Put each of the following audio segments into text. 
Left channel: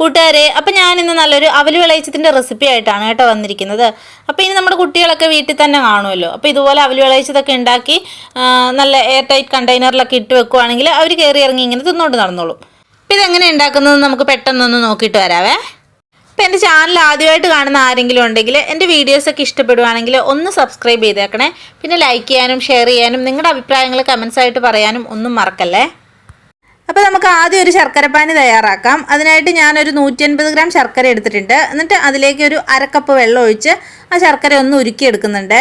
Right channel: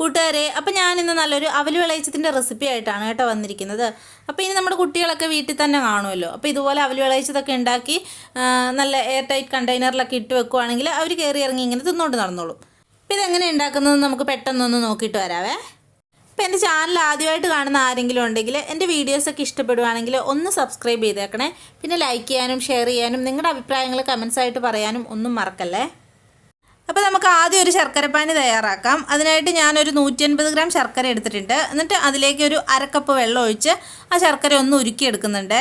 കൂട്ടുകാരെ, അപ്പം ഞാനിന്ന് നല്ലൊരു അവൽ വിളയിച്ചതിൻ്റെ റെസിപ്പി ആയിട്ടാണ് കേട്ടോ വന്നിരിക്കുന്നത്. അപ്പോൾ ഇനി നമ്മുടെ കുട്ടികളൊക്കെ വീട്ടിൽ തന്നെ കാണുമല്ലോ. അപ്പോൾ ഇതുപോലെ അവൽ വിളയിച്ചതൊക്കെ ഉണ്ടാക്കി നല്ല എയർ ടൈറ്റ് കണ്ടെയ്നറിലൊക്കെ ഇട്ട് വെക്കുവാണെങ്കിൽ അവർ കയറി ഇറങ്ങി ഇങ്ങനെ തിന്നോണ്ട് നടന്നോളും. അപ്പോൾ ഇതെങ്ങനെ ഉണ്ടാക്കുന്നത് നമുക്ക് പെട്ടെന്നൊന്ന് നോക്കിയിട്ട് വരാവേ. അപ്പോൾ എൻ്റെ ചാനൽ ആദ്യമായിട്ട് കാണുന്ന ആരെങ്കിലും ഉണ്ടെങ്കിൽ എൻ്റെ വീഡിയോസൊക്കെ ഇഷ്ടപ്പെടുവാണെങ്കിൽ ഒന്ന് സബ്സ്ക്രൈബ് ചെയ്തേക്കണേ. പിന്നെ ലൈക്ക് ചെയ്യാനും ഷെയർ ചെയ്യാനും നിങ്ങളുടെ അഭിപ്രായങ്ങൾ കമൻസ് ആയിട്ട് പറയാനും ഒന്നും മറക്കല്ലേ. അപ്പോൾ നമുക്ക് ആദ്യം ഒരു ശർക്കരപ്പാനി തയ്യാറാക്കാം. അതിനായിട്ട് ഞാനൊരു 150 ഗ്രാം ശർക്കര എടുത്തിട്ടുണ്ട്. എന്നിട്ട് അതിലേക്ക് ഒരു അരക്കപ്പ് വെള്ളം ഒഴിച്ച് ആ ശർക്കര ഒന്ന് ഉരുക്കിയെടുക്കുന്നുണ്ട്.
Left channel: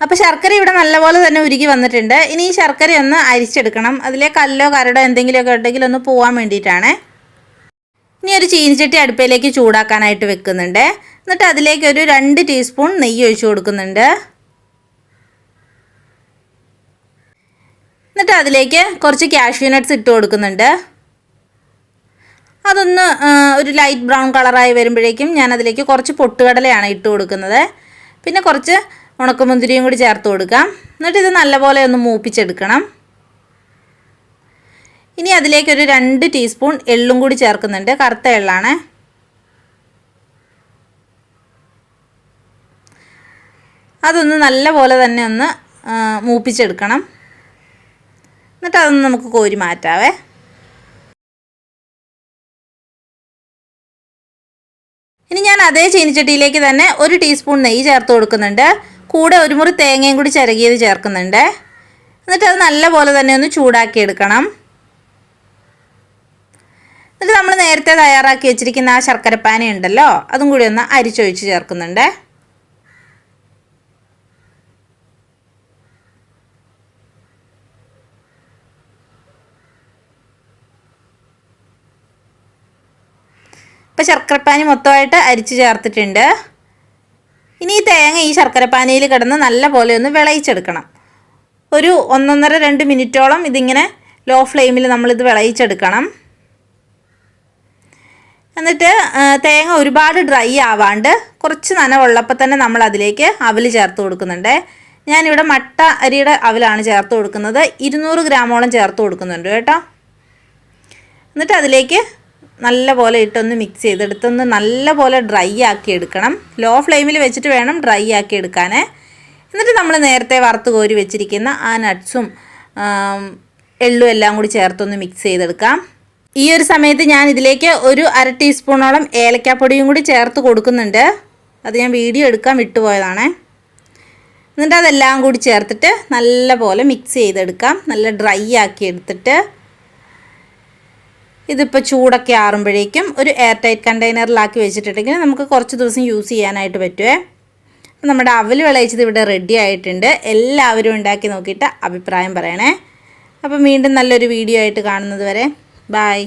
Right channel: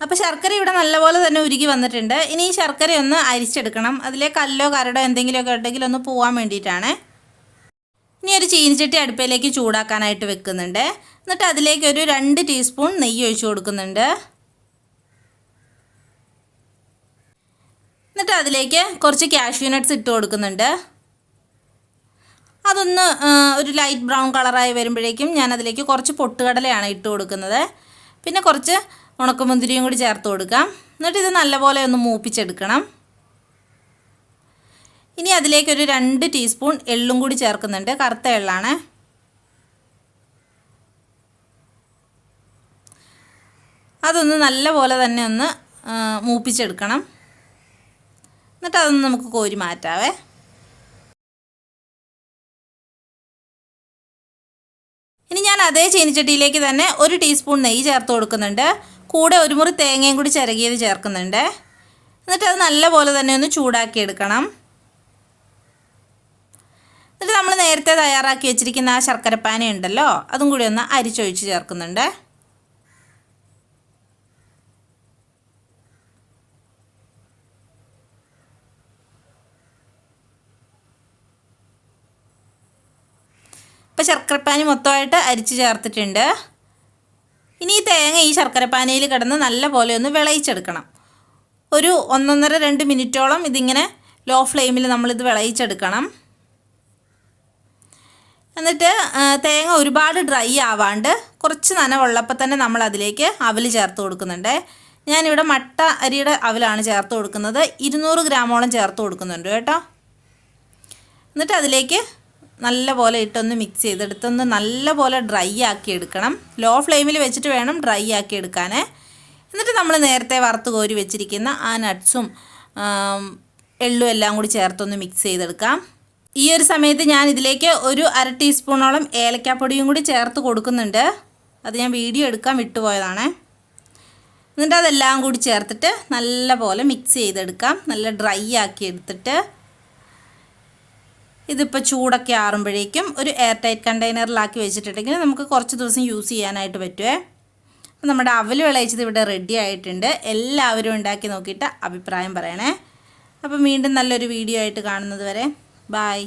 അപ്പോൾ ശർക്കര ഇവിടെ നല്ലപോലെ തന്നെ ഉരുക്കി വന്നിട്ടുണ്ട്. ഇനി ഈ ശർക്കര ഒന്ന് അരിച്ചെടുക്കണം. അതിലെ കല്ലോ കരടോ എന്തെങ്കിലുമൊക്കെ ഉണ്ടെങ്കിൽ ഒന്ന് പോകാൻ വേണ്ടിയിട്ടാണ്. ഇനി ഒരു ചീനിച്ചട്ടി അടുപ്പിലേക്ക് ചൂടാക്കാനായിട്ട് വെക്കുന്നുണ്ട്. എന്നിട്ട് അതിലേക്ക് ഒരു 2 ടീസ്പൂൺ നെയ്യ് ഒഴിച്ച് കൊടുക്കുന്നുണ്ട്. എന്നിട്ട് അതിലേക്ക് കുറച്ച് കാഷ്യൂ നട്ട്സ് ഇട്ട് കൊടുക്കുന്നുണ്ട്. അതൊന്ന് ഒരു ലൈറ്റ് ബ്രൗൺ കളറായി വരുമ്പോഴേക്കും ഞാൻ അതിലേക്ക് കുറച്ച് പൊട്ടുകടലയാണ് ഇട്ട് കൊടുക്കുന്നത്. പിന്നെ കുറച്ച് ഉണക്കമുന്തിരിയും കൂടി ചേർത്ത് കൊടുക്കാം. എന്നിട്ട് ഇത് നല്ലപോലെ ഒന്ന് മൂപ്പിച്ചെടുക്കണം. ഇനി അതിലേക്കൊരു 2 ടീസ്പൂൺ എള്ളും കൂടി ചേർക്കുന്നുണ്ട്. കറുത്ത എള്ളാണ്. അതൊന്ന് നല്ലപോലെ തന്നെ ഒന്ന് മൂപ്പിച്ചെടുക്കണം. എന്നിട്ട് അതൊന്ന് നമുക്ക് കോരി മാറ്റാവേ. ഇനി ഞാൻ അതേ ചീനിച്ചട്ടിയിലേക്ക് തന്നെ 1 ടീസ്പൂൺ നെയ്യ് ചേർത്ത് കൊടുക്കുന്നുണ്ട്. കൂടെ ഒരു മുറി തേങ്ങയും കൂടി ചിരകിയത് ചേർക്കുന്നുണ്ട്. എന്നിട്ട് അത് നല്ലപോലെ തന്നെ ഒന്ന് ചൂടാക്കി എടുക്കണം. എന്നിട്ട് നമ്മൾ നേരത്തെ തയ്യാറാക്കി വെച്ചിരിക്കുന്ന ആ ശർക്കരപ്പാനി ഉണ്ടല്ലോ, അതും കൂടി ഒന്ന് അരിച്ചൊഴിച്ച് ചേർക്കുന്നുണ്ട്. ഇപ്പോൾ ശർക്കരപ്പാനി മൊത്തമായിട്ട് അരിച്ച് ചേർത്തിട്ടുണ്ട്. ഇനി ഈ തേങ്ങ ഈ ശർക്കരപ്പാനിയിൽ കിടന്ന് നല്ല പോലെ ഒന്ന് വിളയിച്ചെടുക്കണം. ഒരു 1.5-2 മിനിറ്റോളം ഇതിങ്ങനെ ലോ ഫ്ലെയിമിൽ നമ്മളിത് വിളയിച്ചെടുക്കണം. എന്നിട്ട് തേങ്ങ ഒരുപാട് ഡ്രൈ ആവാണ്ട് കുറച്ച് നനവുള്ളപ്പോൾ തന്നെ നമ്മൾ അതിലേക്ക് അവൽ ചേർത്ത് കൊടുക്കുന്നുണ്ട്. ഞാനിവിടെ മട്ട അരിയുടെ അവലാണ് ചേർത്ത് കൊടുക്കുന്നത്. 200 ഗ്രാമോളം ചേർത്ത് കൊടുക്കുന്നുണ്ട് കേട്ടോ. എന്നിട്ട് അതിലേക്ക് നല്ല പോലെ ഇട്ടൊന്ന് മിക്സ് ചെയ്തെടുത്തൊന്ന് നല്ല പോലെ ഡ്രൈ ആക്കി എടുക്കണം. ലോ ഫ്ലെയിമിൽ വെച്ചിട്ട് വേണം ഡ്രൈ ആക്കി എടുക്കാൻ. എന്നിട്ട് നമ്മൾ നേരത്തെ വറുത്ത് കോരി വെച്ചിരിക്കുന്ന ആ നട്ട്സും എള്ളും എല്ലാം കൂടി ചേർത്തൊന്ന് മിക്സ് ചെയ്തെടുക്കാം. ഈ ഒരു സമയത്ത് ഞാൻ ഇതിലേക്ക് ഒരു 1/2 ടീസ്പൂണോളം ഏലക്കാപ്പൊടിയും കൂടി ചേർത്ത് കൊടുക്കുന്നുണ്ട്. അത് ഞാൻ വീഡിയോ എടുക്കാൻ വിട്ടുപോയതാണ്. എന്നിട്ട് അതെല്ലാം കൂടി ചേർത്തിട്ട് നല്ല പോലെ മിക്സ് ചെയ്തെടുക്കാം. നല്ല ഡ്രൈ ആക്കി എടുത്തിട്ട് ഇതിപ്പോൾ ചൂടൊക്കെ ആറുമ്പോഴേക്കും ഒരു എയർ ടൈറ്റ് കണ്ടെയ്നറിലാക്കി വെച്ചിട്ടുണ്ടെങ്കിൽ നമുക്ക് കുറച്ച് ദിവസം യൂസ് ചെയ്യാനായിട്ട് പറ്റുമേ. അപ്പോൾ നമ്മുടെ അവൽ വിളയിച്ചത് ഇവിടെ റെഡി ആയിട്ടുണ്ട്. എല്ലാവരും ഉണ്ടാക്കി നോക്കിയിട്ട് അഭിപ്രായം പറയണേ. അപ്പോൾ വീണ്ടും നല്ലൊരു വീഡിയോ ആയിട്ട് കാണുന്നത് വരെ ബൈ.